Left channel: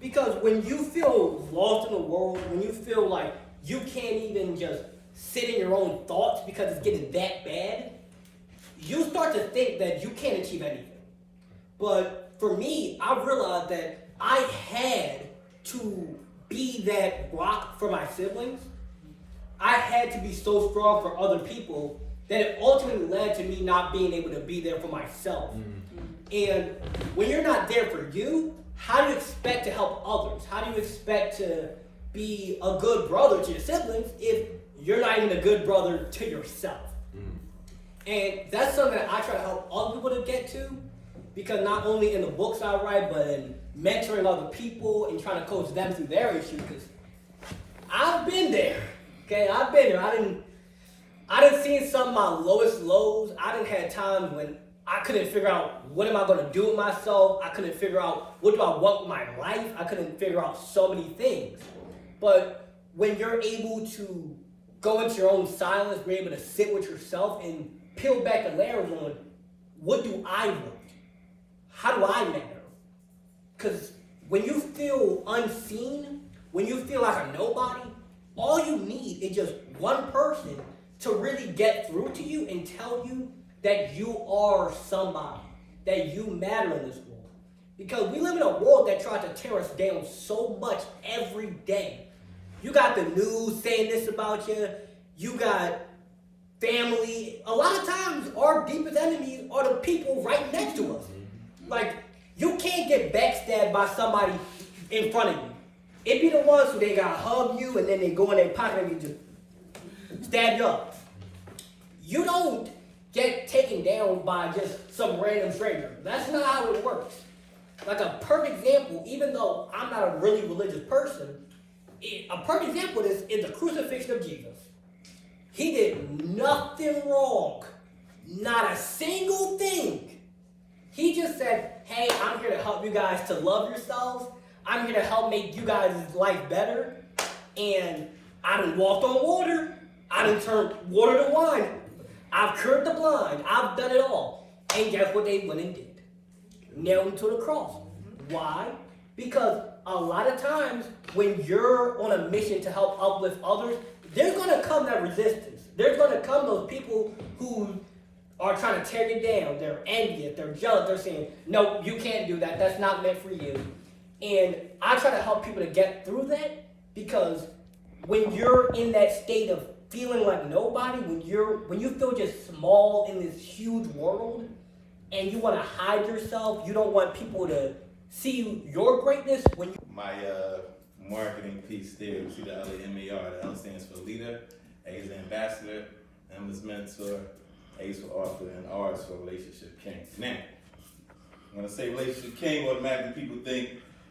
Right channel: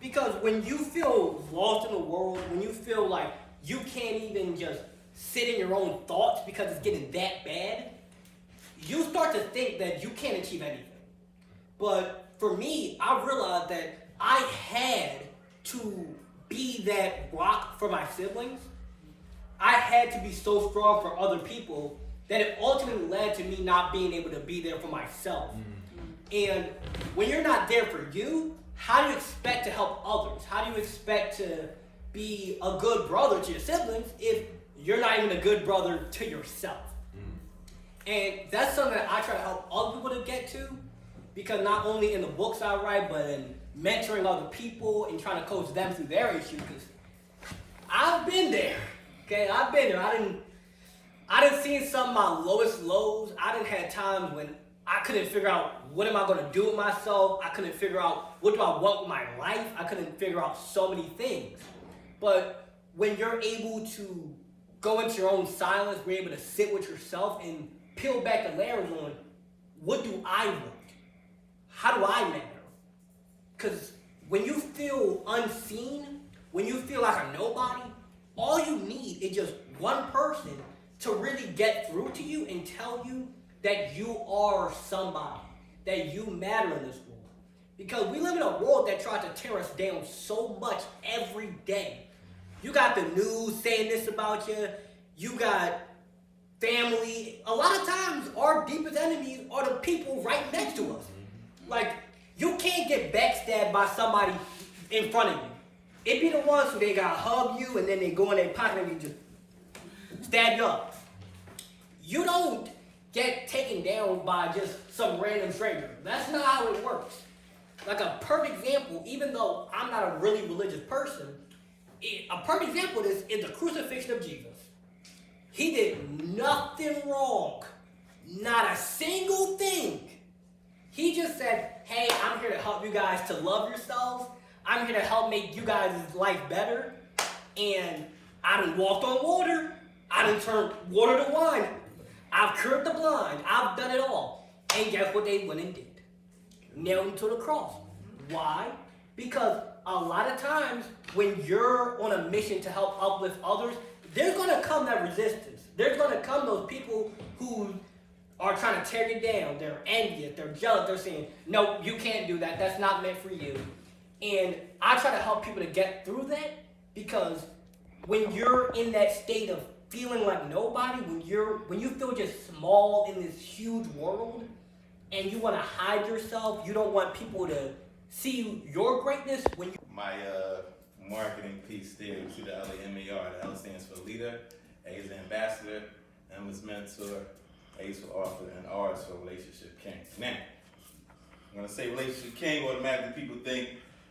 Because when you feel lost in the world, when you feel like you can't even just sit in your own thoughts because it's getting that bad, you start to think that you can't achieve anything. But for me, I realized that I had to be that rock for my siblings. I had to be so strong for other people that it ultimately led to me not being able to be there for myself. And when you're not there for you, how do you expect to help others? How do you expect to be a good brother to your siblings if you're not even a good brother to yourself? And that's something that I try to help other people to get to, because not only in the books I write, but in mentoring other people and trying to coach them through their issues. Because I've been there, okay? I've been there. I done seen some of my lowest lows. I done had times when I couldn't figure out what am I going to do with myself. I couldn't figure out what do I want with my life. I couldn't figure out so many things. But when you're able to go into your own silence, be able to sit with yourself and peel back the layers on what do I want? How do I matter? Because when you feel unseen, when you feel like a nobody, all you need is just one person to really get through to you and tell you that you are somebody, that you matter in this world. Because we live in a world that tries to tear us down so much every day. You got the news saying this about you. You got family. A lot of times, our deepest enemies are the people right next to us. Like, you can't get backstabbed by somebody in front of you. It be the ones who they gotta hug you and then they go in their pocket and just stab you up. You don't get taken down by just some random stranger. That's not how it works. Like a perfect example, even though I'm not a really religious person, a perfect example of this is the crucifixion of Jesus. He did nothing wrong. Not a single thing. He just said, hey, I'm here to help you guys to love yourselves. I'm here to help make you guys' life better. And I done walked on water. I done turned water to wine. I've cured the blind. I've done it all. And guess what they went and did? Nailed him to the cross. Why? Because a lot of times when you're on a mission to help uplift others, there's going to come that resistance. There's going to come those people who are trying to tear you down. They're envious. They're jealous. They're saying, no, you can't do that. That's not meant for you. And I try to help people to get through that, because when you're in that state of feeling like nobody, when you feel just small in this huge world and you want to hide yourself, you don't want people to see your greatness. My marketing piece there, you see the L M-A-R. The L stands for leader, A is ambassador, M is mentor, A is for author, and R is for relationship king. Now, when I say relationship king, automatically people think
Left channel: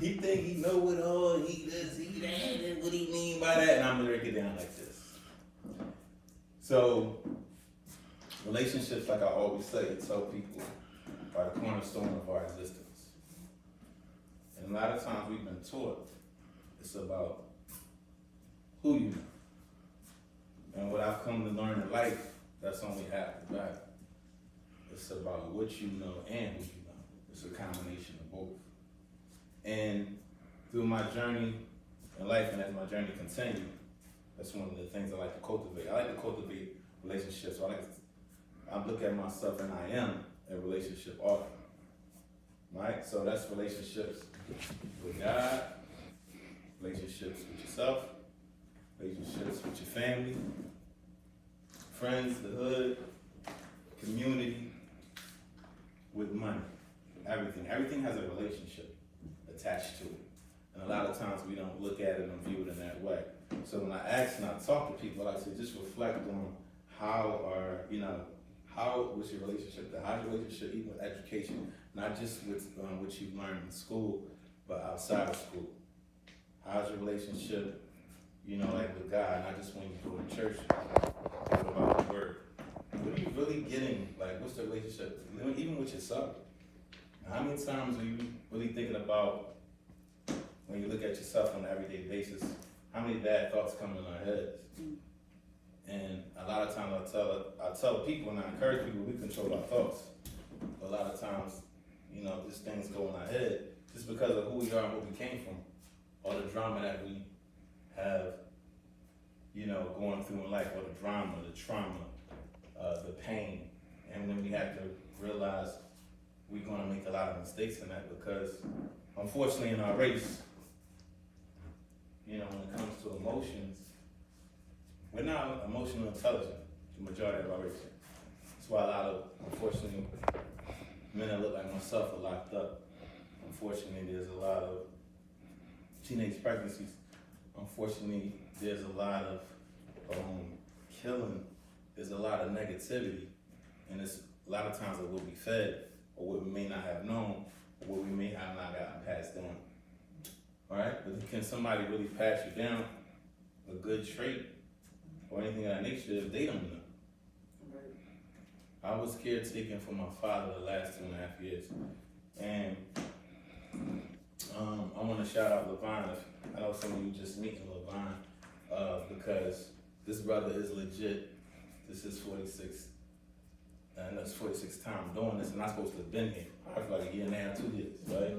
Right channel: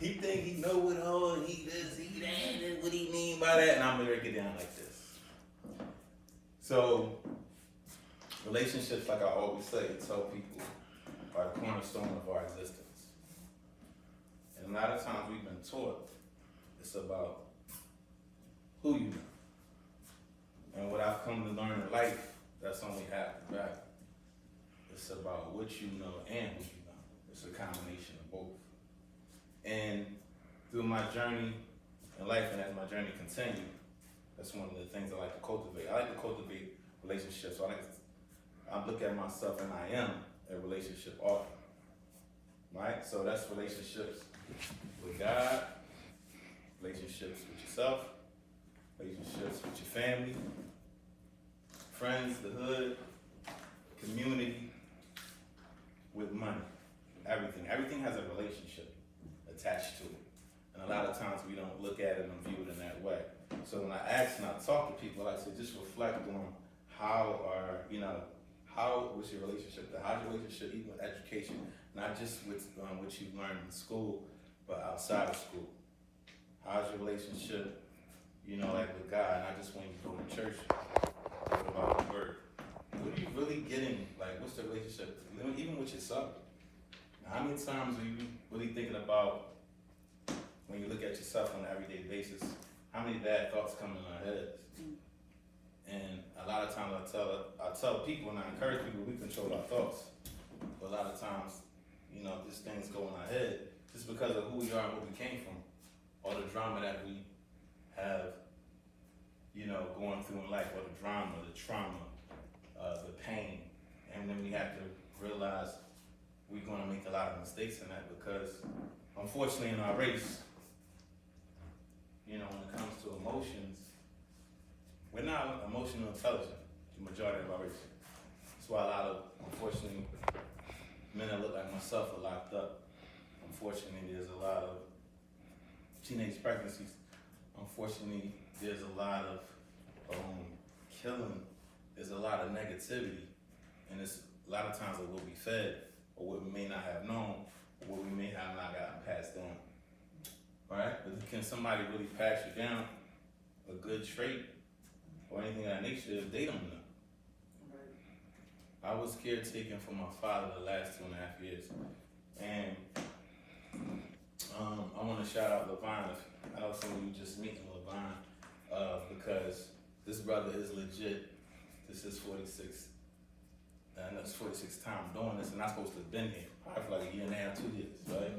he know it all, he this, he that, what he mean by that, and I'm gonna break it down like this. So, relationships, like I always say, tell people, are the cornerstone of our existence. And a lot of times we've been taught it's about who you know. And what I've come to learn in life, that's only half the battle. It's about what you know and who you know. It's a combination of both. And through my journey in life, and as my journey continues, that's one of the things I like to cultivate. I like to cultivate relationships. So I look at myself and I am a relationship author. Right? So that's relationships with God, relationships with yourself, relationships with your family, friends, the hood, community, with money. Everything. Everything has a relationship attached to it. And a lot of times we don't look at it and view it in that way. So when I ask and I talk to people, I say just reflect on how was your relationship, how's your relationship even with education, not just with what you've learned in school, but outside of school. How's your relationship, like with God, not just when you go to church, but about the word. What are you really getting? Like, what's the relationship, even with yourself? Now, how many times are you really thinking about, when you look at yourself on an everyday basis, how many bad thoughts come in our heads? And a lot of times I tell people and I encourage people, we control our thoughts. But a lot of times, just things go in our head just because of who we are and where we came from, all the drama that we have, you know, going through in life, all the drama, the trauma, the pain, and then we have to realize we're going to make a lot of mistakes in that because, unfortunately, in our race, you know, when it comes to emotions, we're not emotional intelligent, the majority of our race. That's why a lot of, unfortunately, men that look like myself are locked up. Unfortunately, there's a lot of teenage pregnancies. Unfortunately, there's a lot of killing. There's a lot of negativity. And it's a lot of times that we'll be fed, or what we may not have known, or what we may have not gotten passed down. All right? But can somebody really pass you down a good trait or anything of that nature if they don't know? I was caretaking for my father the last 2.5 years. And I want to shout out Lamar. I know some of you just meeting Lamar because this brother is legit. This is 46. And that's 46th time doing this, and I'm supposed to have been here. I feel like a year and a half, 2 years, right?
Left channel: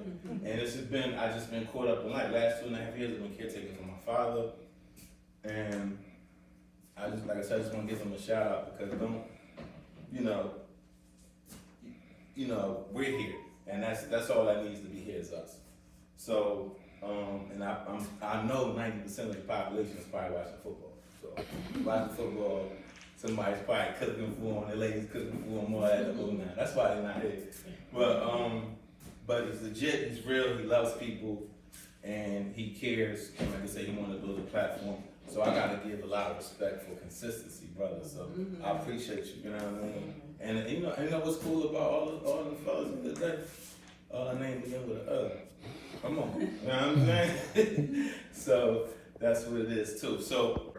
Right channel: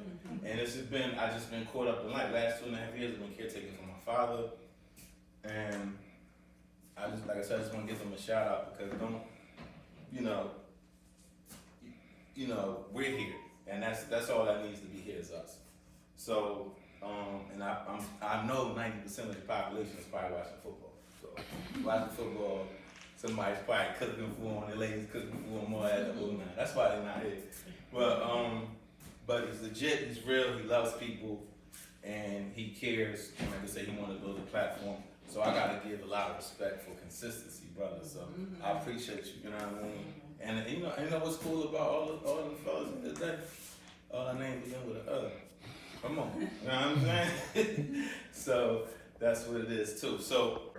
And it's just been, I just been caught up in life. Last 2.5 years, I've been caretaking for my father. And I just, like I said, I just want to give him a shout out because you know, we're here, and that's all that needs to be here is us. So, and I know 90% of the population is probably watching football. So, watching football, somebody's probably cooking for them, the ladies cooking for them, all that. That's why they're not here. But it's legit, he's real, he loves people, and he cares. And like I said, he wanted to build a platform. So I gotta give a lot of respect for consistency, brother. So I appreciate you, you know what I mean? And you know what's cool about all the fellas in the day? All our names begin with an Come on, you know what I'm saying? So that's what it is too. So,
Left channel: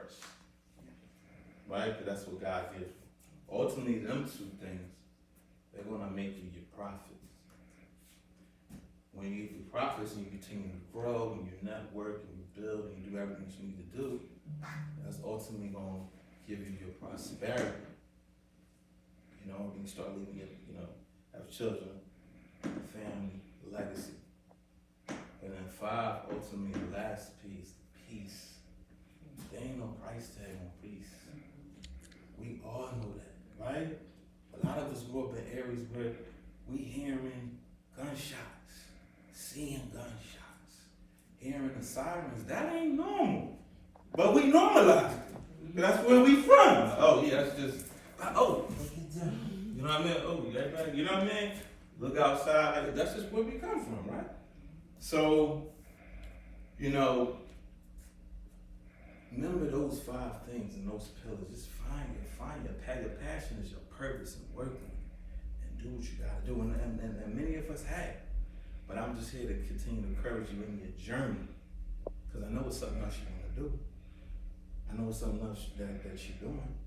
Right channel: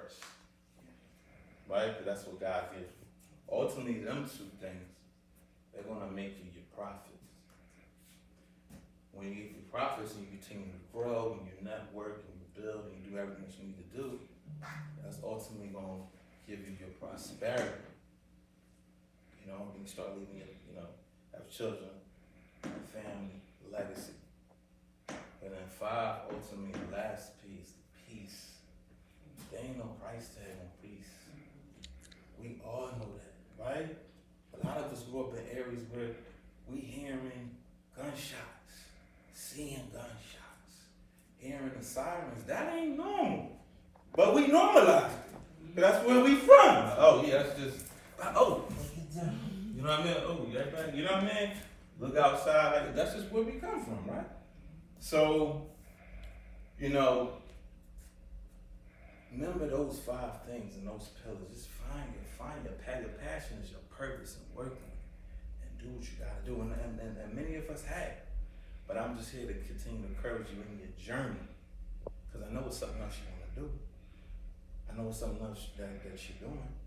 right? That's what God gives you. Ultimately, them two things, they're gonna make you your profits. When you get your profits and you continue to grow and you network and you build and you do everything you need to do, that's ultimately gonna give you your prosperity. You know, you start looking at, you know, have children, family, legacy. And then 5, ultimately, the last piece, peace. There ain't no price tag on peace. We all know that, right? A lot of us grew up in areas where we hearing gunshots, seeing gunshots, hearing the sirens. That ain't normal. But we normalize it. That's where we from. Oh, yeah, that's just, oh. You know what I mean? Oh, yeah, right. You know what I mean? Look outside. Like, that's just where we come from, right? So, you know, remember those 5 things and those pillars. Just find your passion is your purpose and working and do what you gotta do. And many of us have. But I'm just here to continue to encourage you in your journey. Because I know it's something else you want to do. I know it's something else that you're doing.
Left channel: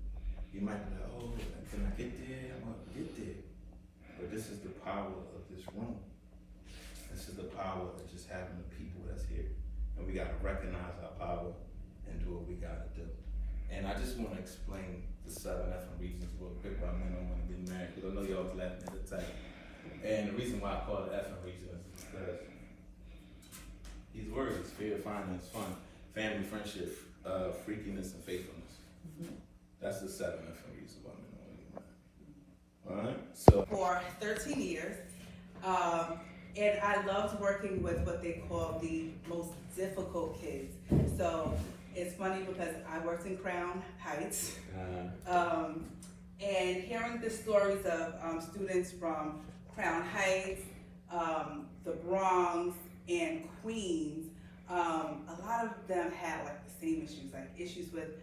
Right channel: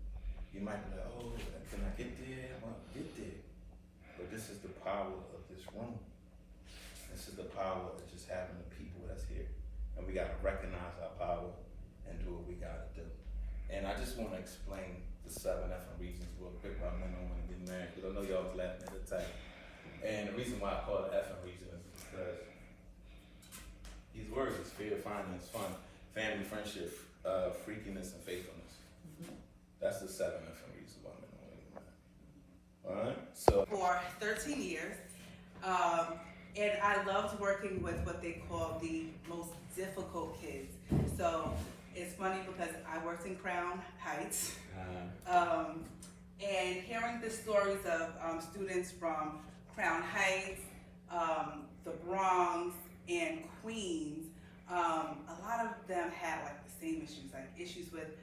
You might be like, oh, can I get there? I want to get there. But this is the power of this room. This is the power of just having the people that's here. And we got to recognize our power and do what we got to do. And I just want to explain the 7 different reasons real quick, but I don't want to be mad because I know y'all was laughing at the time. And the reason why I call it effing reason is because these words, fear, finance, fun, family, friendship, freakiness, and faithfulness. That's the 7 different reasons why I'm doing it. All right? So for 13 years. And I loved working with what they call the most difficult kids. So it's funny because I worked in Crown Heights. And hearing the stories of students from Crown Heights, the Bronx, and Queens, a lot of them had like the same issues, like issues with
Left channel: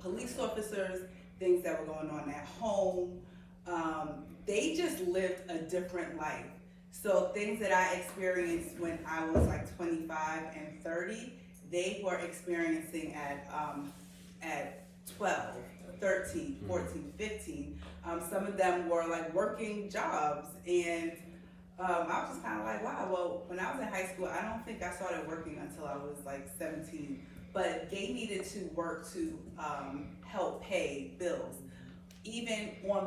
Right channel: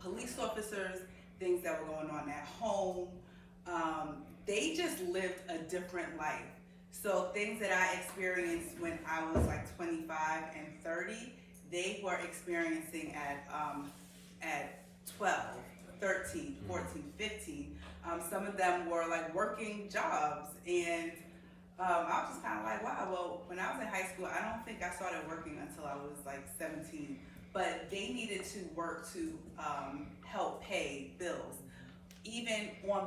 police officers, things that were going on at home. They just lived a different life. So things that I experienced when I was like 25 and 30, they were experiencing at 12, 13, 14, 15. Some of them were like working jobs, and I was just kind of like, wow, well, when I was in high school, I don't think I started working until I was like 17, but they needed to work to help pay bills. Even on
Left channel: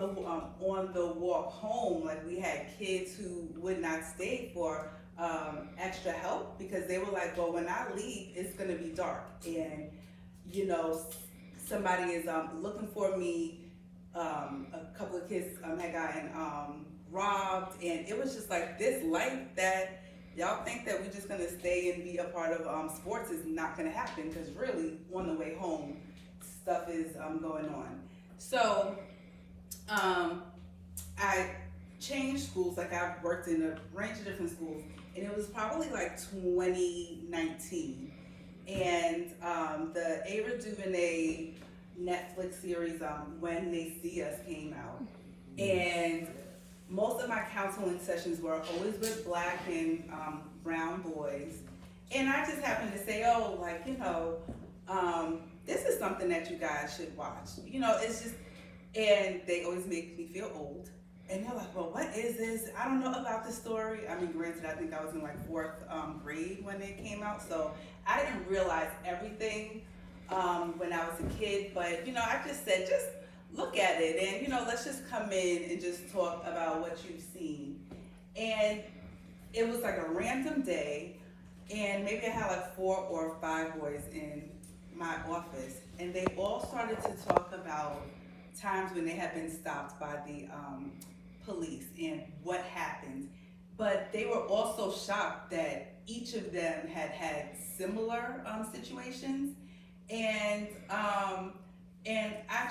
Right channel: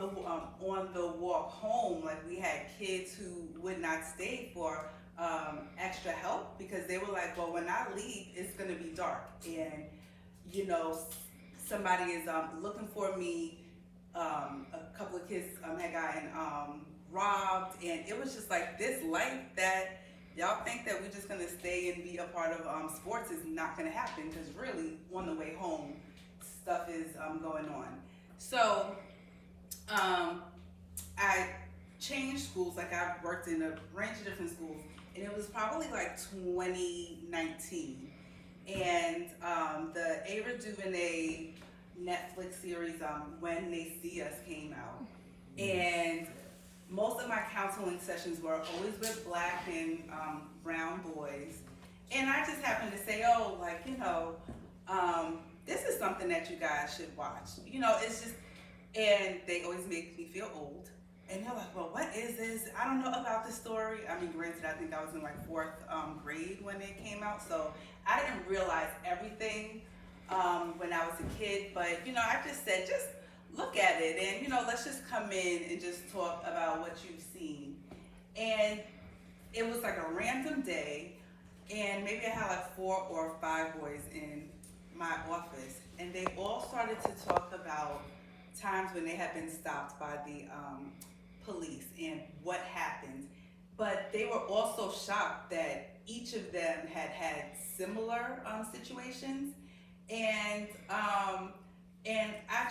the walk home, like we had kids who would not stay for extra help because they were like, well, when I leave, it's gonna be dark, and you know, somebody is looking for me. A couple of kids had gotten robbed, and it was just like this life that y'all think that we're just gonna stay and be a part of sports is not gonna happen, because really on the way home stuff is going on. So I changed schools. Like, I've worked in a range of different schools, and it was probably like 2019, and the Ava DuVernay Netflix series When They See Us came out, and most of my counseling sessions were always with Black and brown boys, and I just happened to say, oh, like, you know, this is something that you guys should watch. You know, it's just, and they always make me feel old. And they're like, well, what is this? I don't know about this story. I mean, granted, I think I was in like 4th grade when it came out, so I didn't realize everything when I was a kid. But, you know, I just said, just look at it, and, you know, let's just come in and just talk about what you've seen. And it was like a random day, and maybe I had like 4 or 5 boys in my office, and they all started to talk about times when they had been stopped by the police and what happened. But they were also shocked that each of them had had similar situations, and I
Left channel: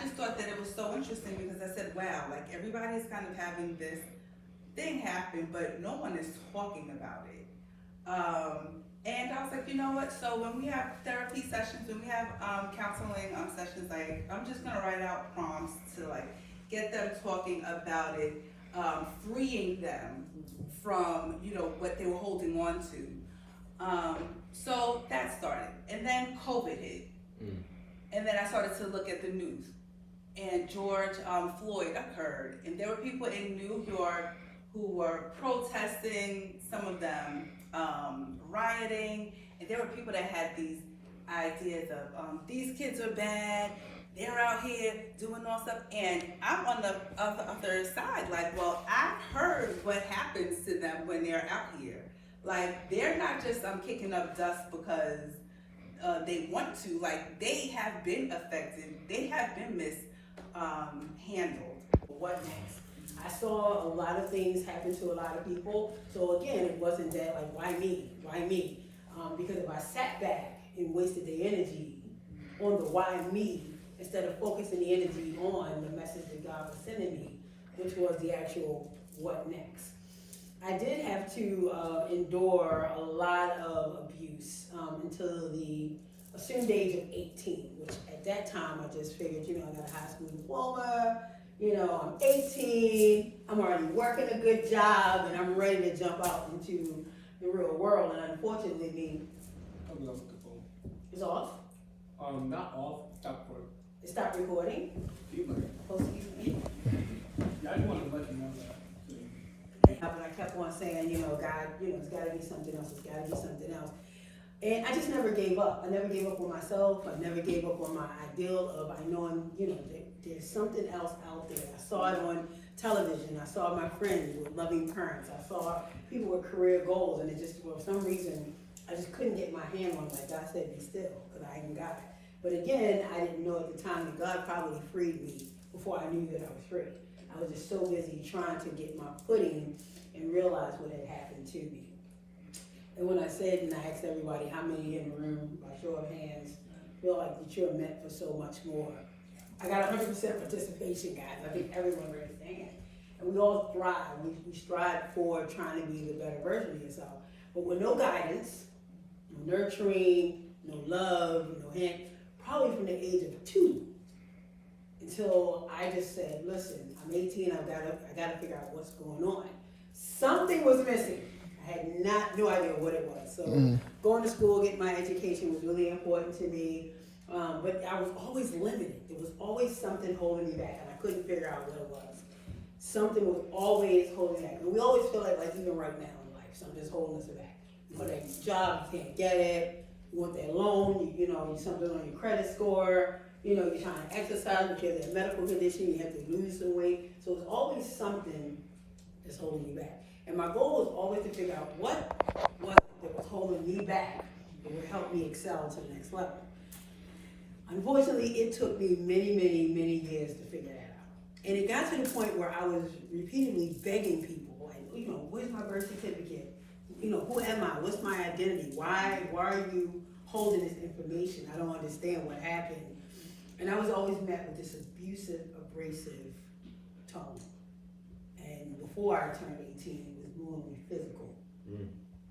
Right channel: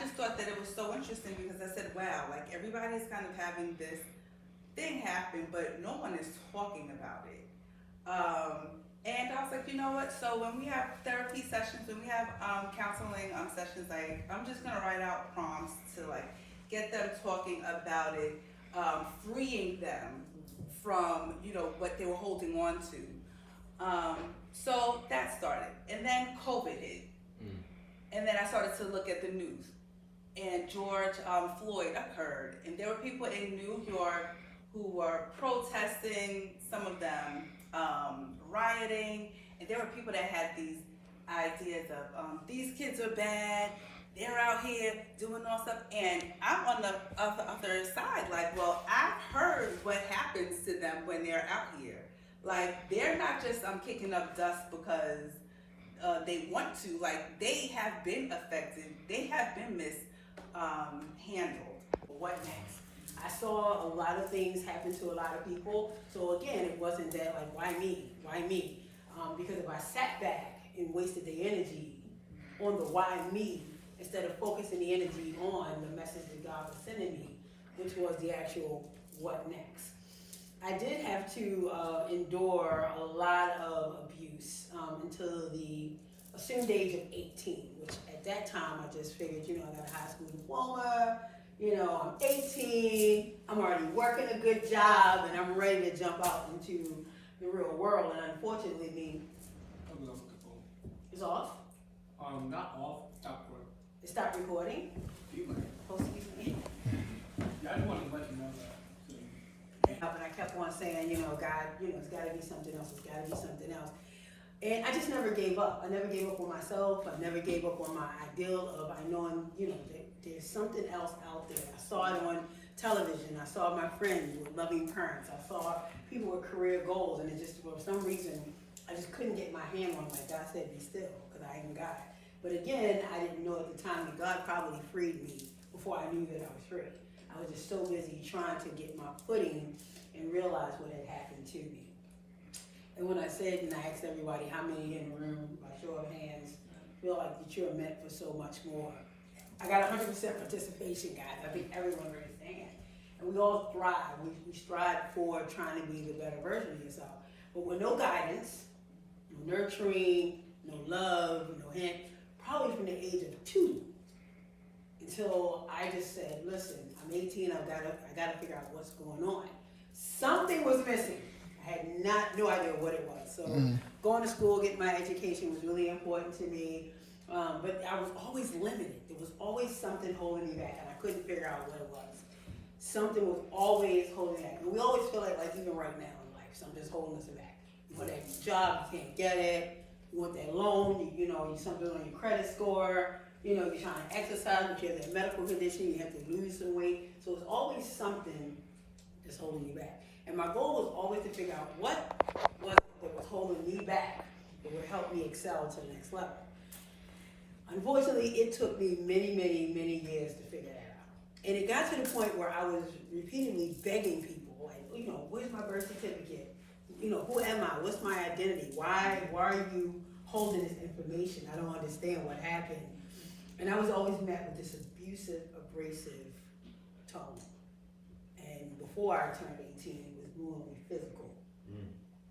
just thought that it was so interesting, because I said, wow, like, everybody's kind of having this thing happen, but no one is talking about it. And I was like, you know what, so when we have therapy sessions, when we have counseling sessions, like, I'm just gonna write out prompts to like get them talking about it, freeing them from, you know, what they were holding on to. So that started, and then COVID hit. And then I started to look at the news, and George Floyd occurred, and there were people in New York who were protesting, some of them rioting, and there were people that had these ideas of these kids are bad, they're out here doing all stuff, and I'm on the other side, like, well, I've heard what happens to them when they're out here. Like, they're not just kicking up dust because they want to. Like, they have been affected, they have been mishandled. What next? I saw a lot of things happen to a lot of people. So again, it wasn't that like, why me? Why me? Because if I sat back and wasted the energy on the why me, instead of focusing the energy on the message that God was sending me, which was the actual what next. I did have to endure a lot of abuse until the assumed age of 18, which at that time I just figured, you know, I got a high school diploma, you know, I'm 18, I'm already working a good job, and I'm ready to jump out into the real world. And unfortunately, Probably off the phone. it's off. Not off, stop recording. It stopped recording. You might. Supposed to be. Yeah, I just wanted to let you know that. But I kept on saying, you know, God, you know, it's got to be something else. It's got to be something else. And I just never gave up. I never gave up on myself. I never gave up on my ideal of, I know, you know, there's something else out there. I saw it on television. I saw my friends with loving parents. I saw people with career goals, and it just, for some reason, I just couldn't get my hand on it. Like God said, be still, because I ain't got it. But again, I didn't know at the time that God probably freed me before I knew that I was free. I was just so busy trying to get my footing and realize what had happened to me. And when I said, and I asked everybody, how many in the room, by show of hands, feel like that you're meant for so much more? I got 100% participation, guys. I think everyone raised their hand. And we all thrive. We strive for trying to be the better version of yourself. But with no guidance, no nurturing, no love, no hint, probably from the age of 2, until I just said, listen, I'm 18, I gotta figure out what's going on. Something was missing. I had no idea what it was. So going to school, getting my education was really important to me. But I was always limited. There was always something holding me back, and I couldn't figure out what it was. Something was always holding me back. And we always feel like even right now in life, something's holding us back. You want that job, you can't get it. You want that loan, you know, something on your credit score. You know, you're trying to exercise, if you have that medical condition, you have to lose some weight. So there's always something that's holding you back. And my goal was always to figure out what was it that was holding me back that would help me excel to the next level. Unfortunately, it took me many, many, many years to figure that out. And it got to the point where I was repeatedly begging people, like, you know, where's my birth certificate? You know, who am I? What's my identity? Why are you holding this information? I don't understand what happened. And I was always met with this abusive, abrasive tone. And before I turned 18, it was more physical.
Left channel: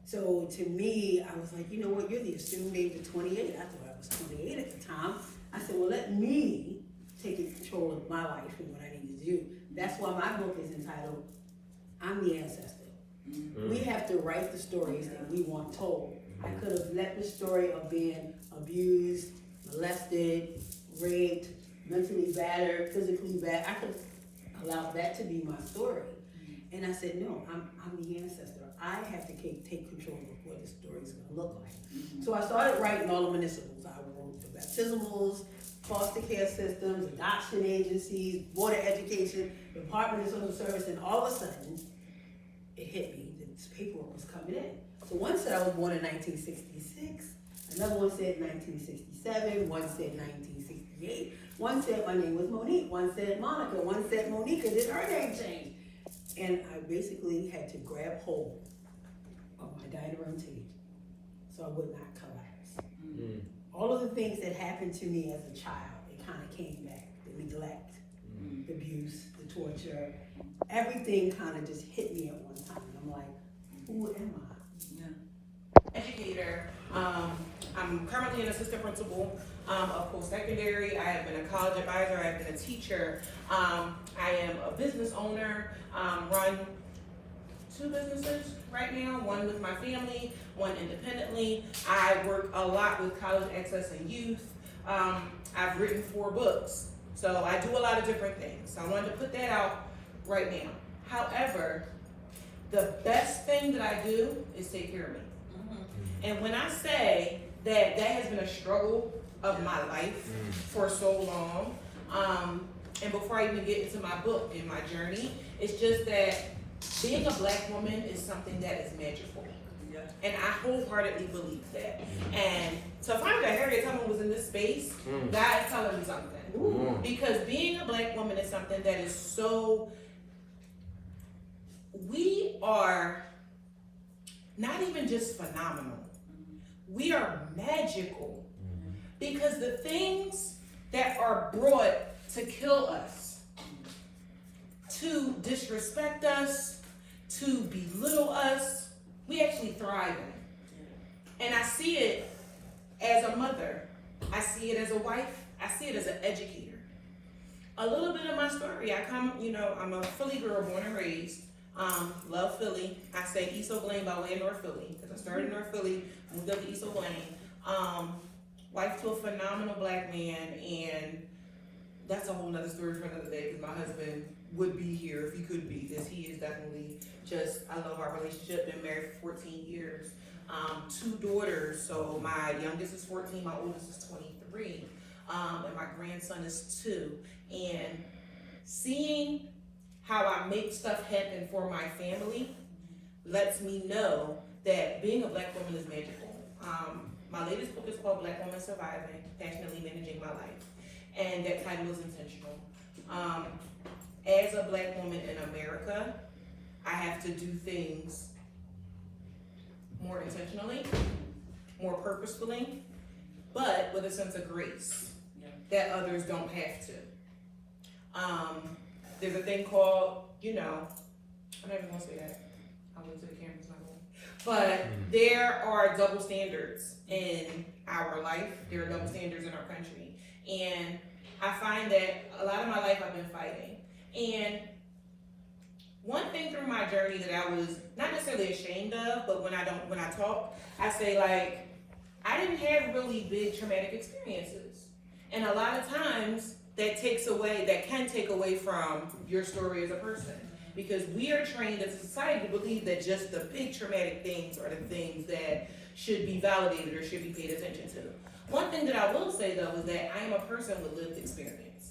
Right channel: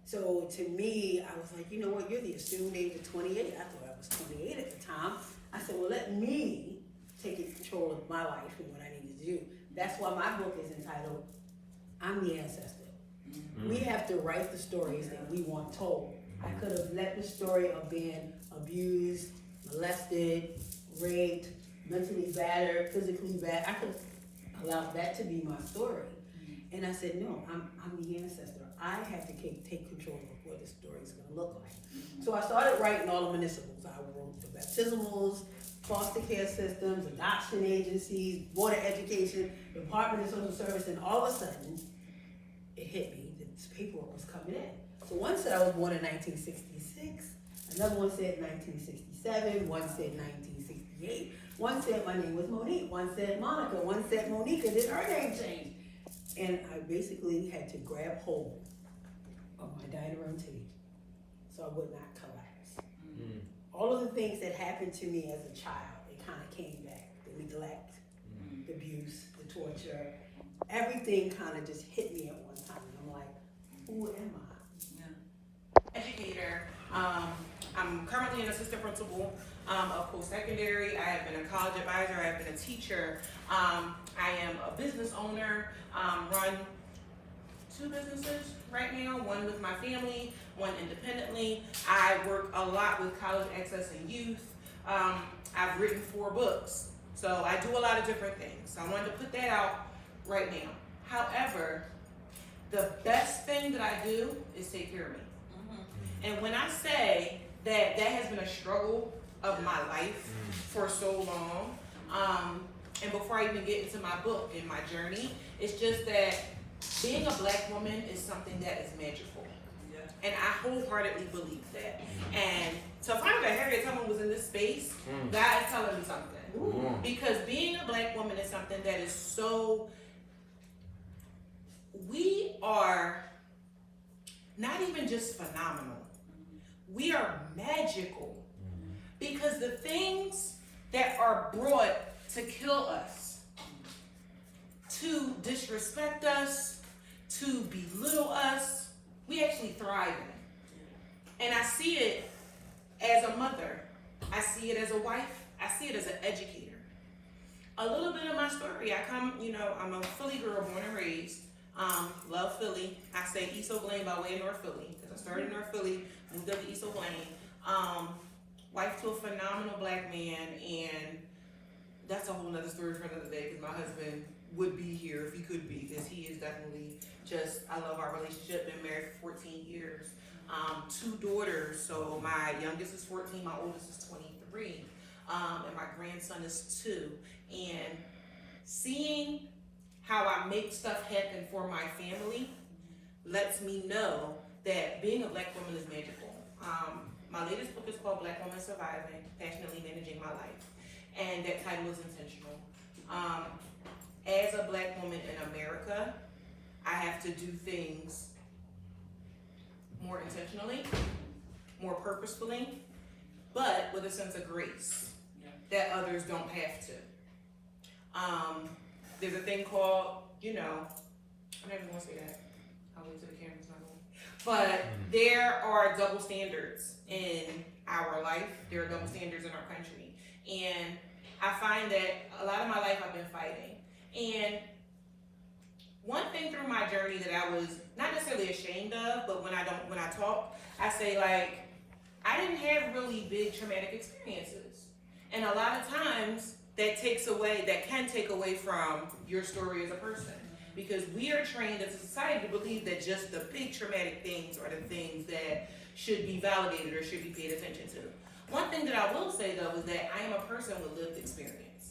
So to me, I was like, you know what, you're the assumed age of 28. I thought I was 28 at the time. I said, well, let me take control of my life and what I need to do. That's why my book is entitled, I'm the Ancestor. We have to write the stories that we want told. I could have let the story of being abused, molested, raped, mentally battered, physically bad. I could allow that to be my story. And I said, no, I'm the ancestor. I have to take control of what the story's gonna look like. So I started writing all the municipals. I wrote the baptismals, foster care systems, adoption agencies, board of education, Department of Social Service, and all of a sudden, it hit me that this paperwork was coming in. So one said I was born in 1966, another one said 1967, one said 1968, one said my name was Monique, one said Monica, one said Monica, then her name changed. And I basically had to grab hold of my diet orientation so I would not collapse. All of the things that happened to me as a child, they kind of came back. The neglect, the abuse, the torture, everything kind of just hit me at one time. I'm like, who am I? Educator. I'm currently an assistant principal of post-secondary. I have been a college advisor. I have been a teacher. I am a business owner. Run 2 businesses right now, one with my family, one independently. I work a lot with college access and youth. I've written 4 books. So I do a lot of different things. So I wanted to put that out right now. However, the best thing that I do is take care of me. And when I say that that has been a struggle of my life for so long, and before I even get into my book and my journey, it's just that being a Black woman is something that is magical. And I wholeheartedly believe that. And so if I'm that Harriet Tubman was in this space, God is telling me something. Because being a Black woman is something that is so, we are not even just phenomenal. We are magical. Because the things that are brought to kill us, to disrespect us, to belittle us, we actually thrive in. And I see it as a mother. I see it as a wife. I see it as an educator. A little bit of my story, I'm a Philly girl, born and raised. Love Philly. I say East O'Blaine by way of North Philly. Because I started in North Philly, moved up to East O'Blaine. Wife to a phenomenal Black man, and that's a whole nother story for another day, because my husband would be here if he could be, because he is definitely just, I love our relationship. Been married for 14 years. 2 daughters, so my youngest is 14, my oldest is 23, and my grandson is 2. And seeing how I make stuff happen for my family lets me know that being a Black woman is magical. My latest book is called Black Woman Surviving, Passionately Managing My Life. And that title is intentional. As a Black woman in America, I have to do things more intentionally, more purposefully, but with a sense of grace that others don't have to. There's a thing called, I'm not even gonna say that. I'll lose the camera's not going. But there are double standards in our life. There are double standards in our country. And I find that a lot of my life I've been fighting. And one thing through my journey that I was not necessarily ashamed of, but when I talk, I say like, I didn't have really big traumatic experiences. And a lot of times that can take away from your story as a person. Because we are trained as a society to believe that just the big traumatic things are the things that should be validated or should be paid attention to. One thing that I will say though is that I am a person with lived experience.